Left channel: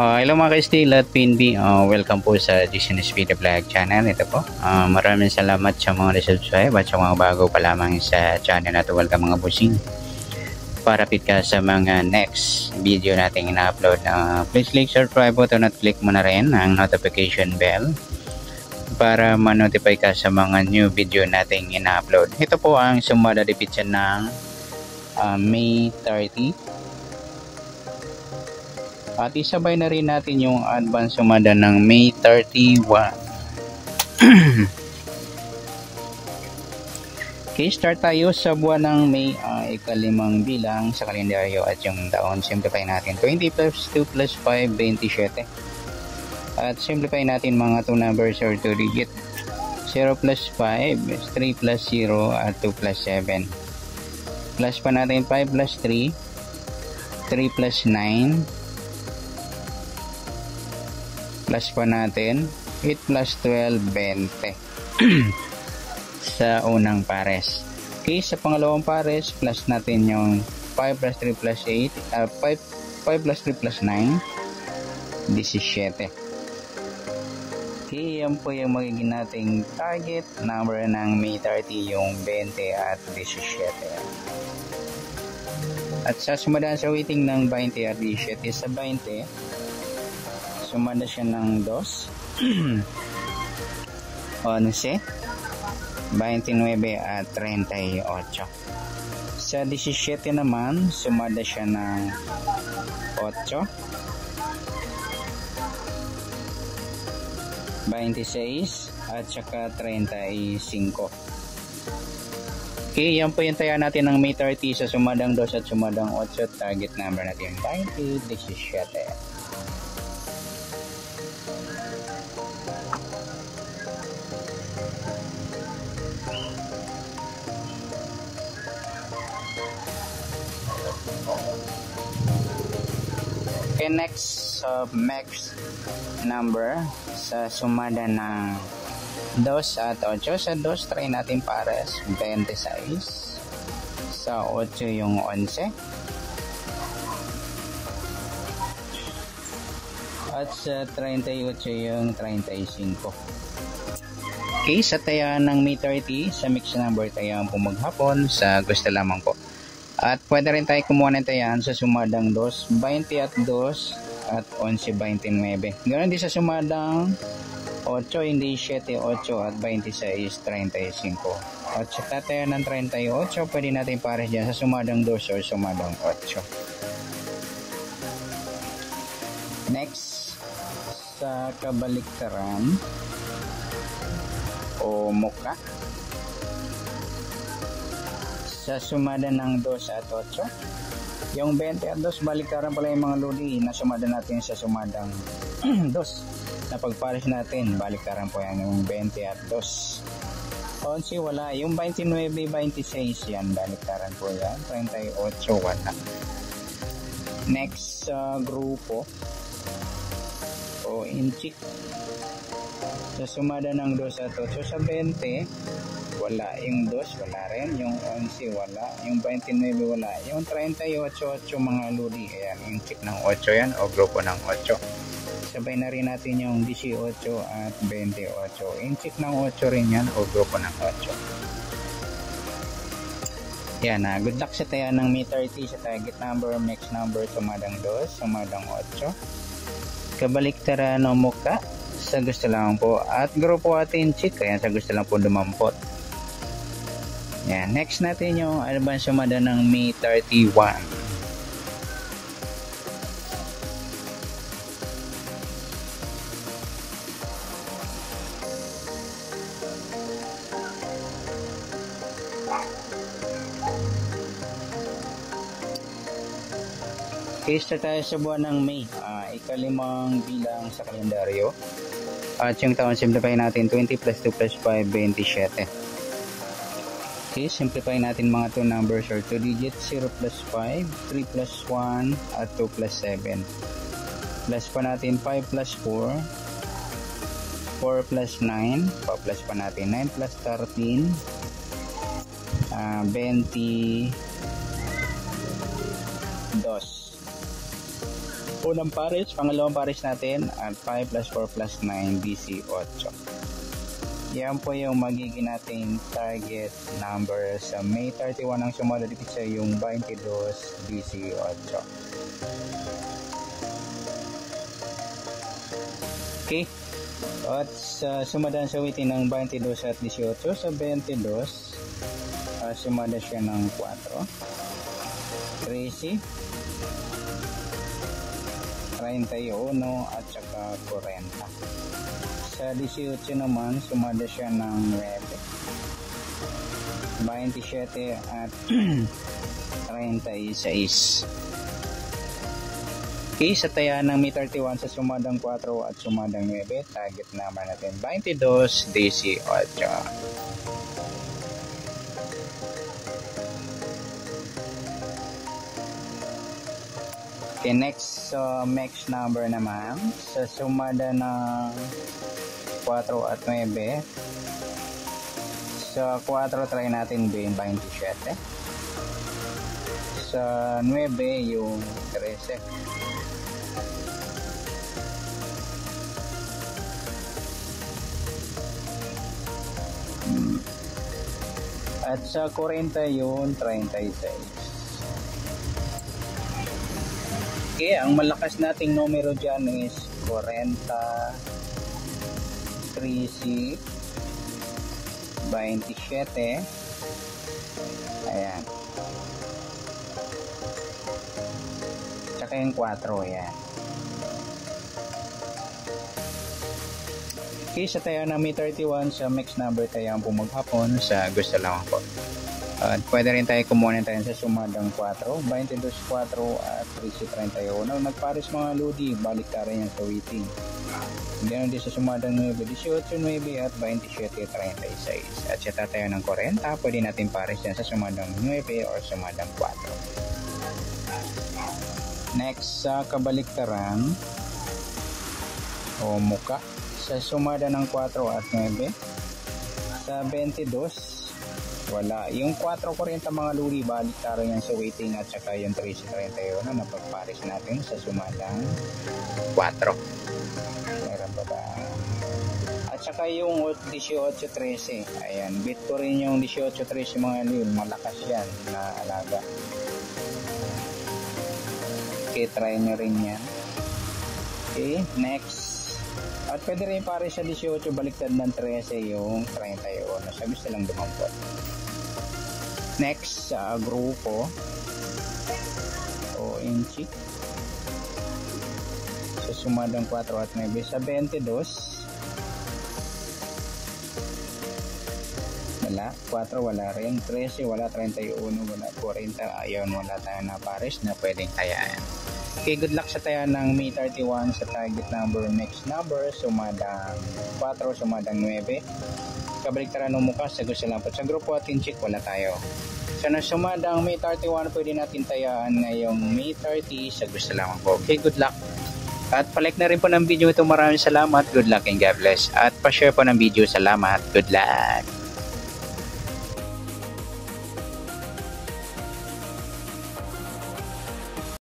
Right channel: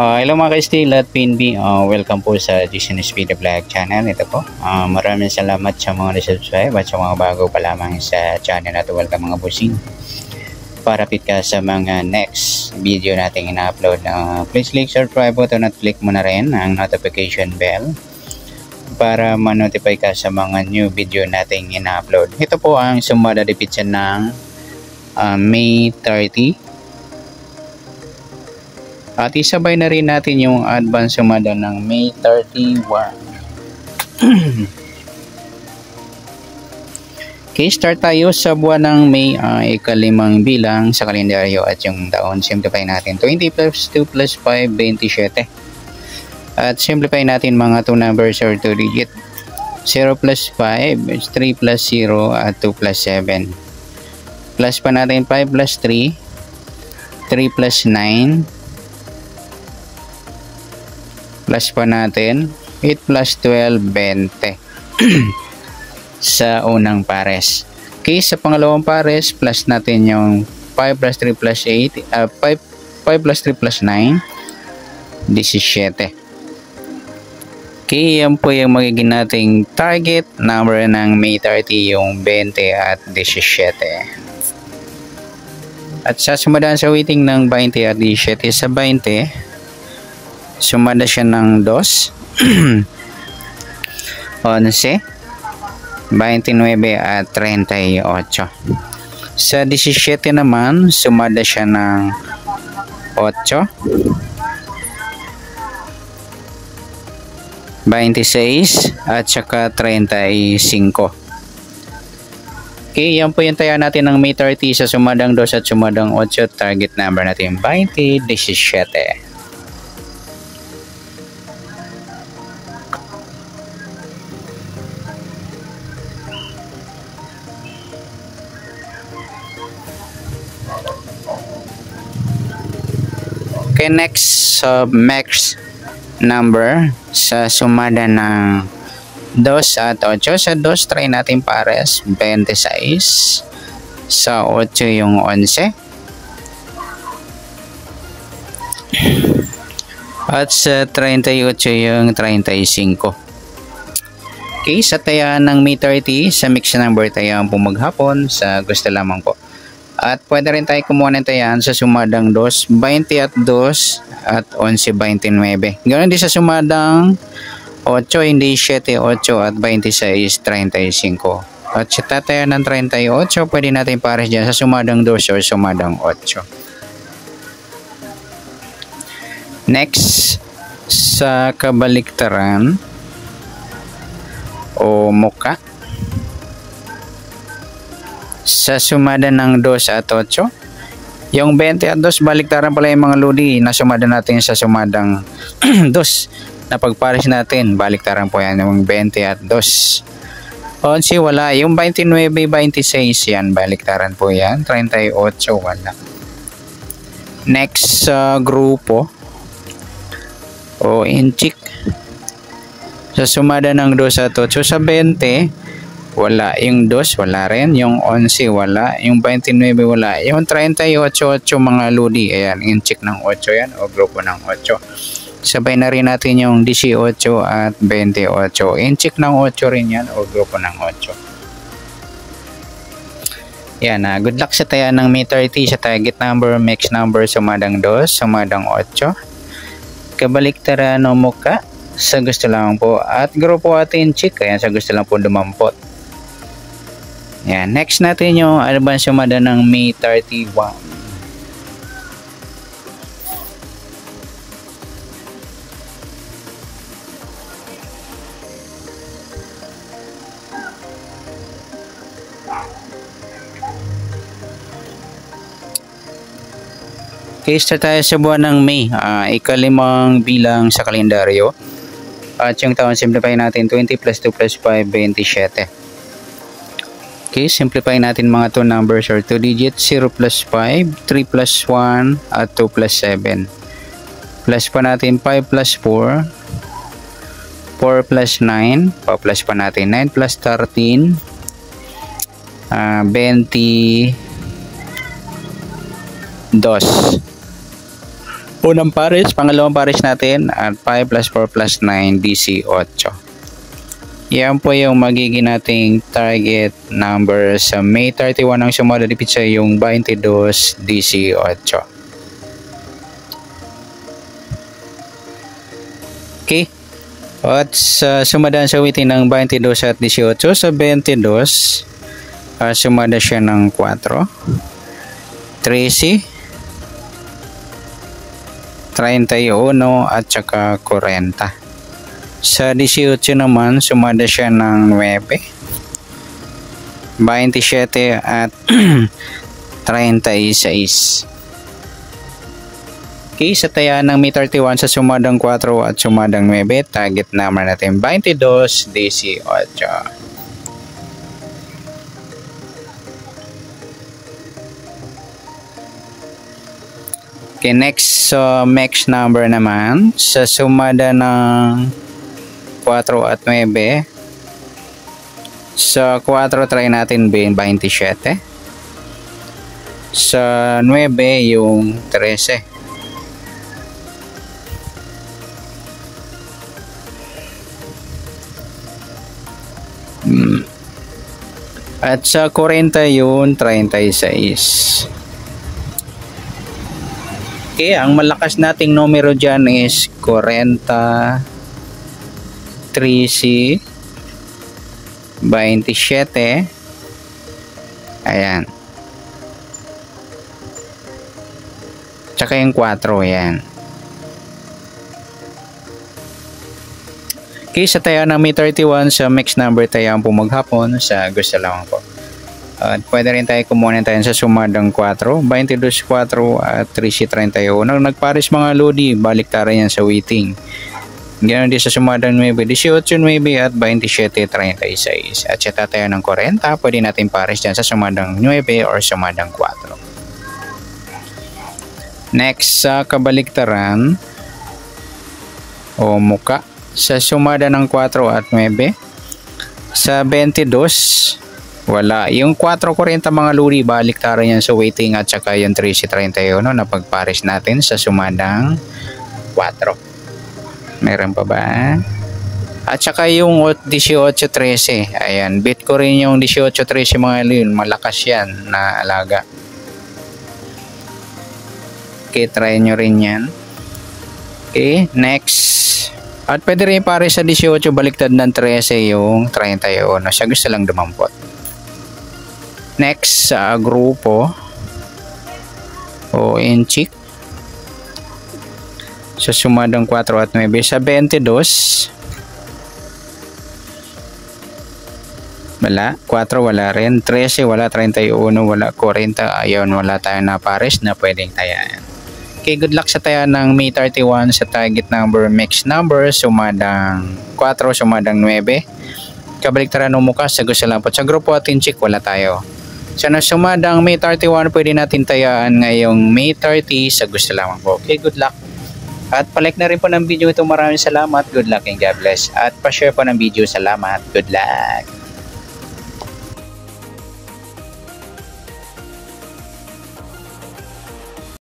Hello mga ka-Steel at PNB, welcome po sa Business Video Vlog channel. Ito po, maraming salamat sa mga resubscribe at sa mga bago pa lamang sa channel na ito. Welcome mga busing. Parapit ka sa mga next video nating ina-upload. Please click subscribe button at click mo na rin ang notification bell para ma-notify ka sa mga new video nating ina-upload. Ito po ang sumada dipitsan ng May 30. At isabay na rin natin yung advance sumada ng May 31. Okay, start tayo sa buwan ng May, ikalimang bilang sa kalendaryo at yung taon. Simplify natin. 20 plus 2 plus 5, 27. At simplify natin mga 2 numbers or 2 digit. 0 plus 5, 3 plus 0 at 2 plus 7. Plus pa natin 5 plus 3, 3 plus 9. Plus pa natin 8 plus 12, 20 sa unang pares. Okay, sa pangalawang pares plus natin yung 5 plus 3 plus 8, 5 plus 3 plus 9, 17. Okay, yan po yung magiging nating target number ng May 30, yung 20 at 17. At sa sumadaan sa weighting ng 20 at 17, sa 20 sumada siya ng 2, 11, 29 at 38. Sa 17 naman, sumada siya ng 8, 26 at saka 35. Okay, yan po yung taya natin ng May 30 sa sumadang 2 at sumadang 8. Target number natin 20, 17. Okay, next max number sa sumada ng 2 at 8. Sa 2 try natin pares 26, sa 8 yung 11 at sa 38 yung 35. Okay, sa tayaan ng May 30 sa mix number tayaan po maghapon sa gusto lamang po. At pwede rin tayo kumuha ng tayan sa sumadang 2, 20 at 2 at 11, 29. Ganoon din sa sumadang 8, hindi 7, 8 at 26, 35. At sa tatayan ng 38, pwede natin pares dyan sa sumadang 2 or sumadang 8. Next, sa kabaliktaran o muka. Sa sumada ng 2 at 8, yung 20 at 2 baliktaran pala yung mga lodi na sumada natin sa sumadang 2 na pagpares natin, baliktaran po yan yung 20 at 2. 11 wala, yung 29, 26 yan, baliktaran po yan, 38 wala. Next grupo o inchik, sa sumada ng 2 at 8, sa 20 wala, yung 2 wala rin, yung 11 wala, yung 29 wala, yung 38 mga lodi, ayan, inchik ng 8 yan o grupo ng 8. Sabay na rin natin yung 18 at 28, inchik ng 8 rin yan o grupo ng 8. Yan, good luck sa taya ng May 30 sa target number, mix number, sumadang 2, sumadang 8. Kabaliktaran o muka sa gusto lang po, at grupo at inchik, ayan, sa gusto lang po dumampot. Yan, next natin yung advance sumada ng May 31. Okay, start tayo sa buwan ng May, ikalimang bilang sa kalendaryo. At yung taon, simplify natin 20 plus 2 plus 5, 27. Okay, simplify natin mga 2 numbers or 2 digits. 0 plus 5, 3 plus 1 at 2 plus 7. Plus pa natin 5 plus 4, 4 plus 9, pa-plus pa natin 9 plus 13, 22. Unang pares, pangalawang pares natin at 5 plus 4 plus 9, 18. Yan po yung magiging nating target number sa May 31 ang sumadalipit sa yung 22, 18. Okay. At sumadaan sa waiting ng 22 at 18. Sa 22, sumada siya ng 4, 13, 31 at saka 40. Sa 18 naman, sumada siya ng 9, 27 at 36. Okay, sa taya ng May 31 sa sumadang 4 at sumadang 9, target number natin 22, 18. Okay, next max number naman sa sumada ng 4 at 9. Sa 4 try natin 27. Sa 9 yung 13. At sa 40 yun 36. Okay, ang malakas nating numero dyan is 40, 13, 27. Ayan. Tsaka yung 4, yan. Okay, sa tayo ng May 31 sa mix number tayo ang pumaghapon sa gusto lamang po. At pwede rin tayo kumuha tayo sa sumadang 4, 22, 4 at 13, 31. Nagpares mga lodi, baliktaran yan sa waiting. Ganoon din sa sumadang 9, 18, 9 at 27, 36. At sa tayo ng 40, pwede natin pares dyan sa sumadang 9 or sumadang 4. Next, sa kabaliktaran o muka. Sa sumada ng 4 at 9, sa 22, wala. Yung 4.40 mga luri, baliktaran yan sa waiting at saka yung 13.31 na pagpares natin sa sumadang 4. Meron pa ba? At saka yung 18.13, ayan, bit ko rin yung 18.13 mga luri, malakas yan na alaga. Okay, try nyo rin yan. Okay, next. At pwede rin pare sa 18 baliktad ng 13 yung 31. Siya gusto lang dumampot. Next sa grupo o inchik. Sa sumadang 4 at 9. Sa 22. Wala. 4 wala rin. 13 wala. 31 wala. 40. Ayun, wala tayong na pares na pwedeng tayaan. Okay, good luck sa tayo ng May 31 sa target number, mix number, sumadang 4, sumadang 9. Kabaliktaran ng mukha, sa gusto lang po. Sa grupo at inchik, wala tayo. Sa sumadang May 31, pwede natin tayaan ngayong May 30, sa gusto lamang po. Okay, good luck. At palike na rin po ng video ito. Maraming salamat. Good luck and God bless. At pa-share po ng video. Salamat. Good luck.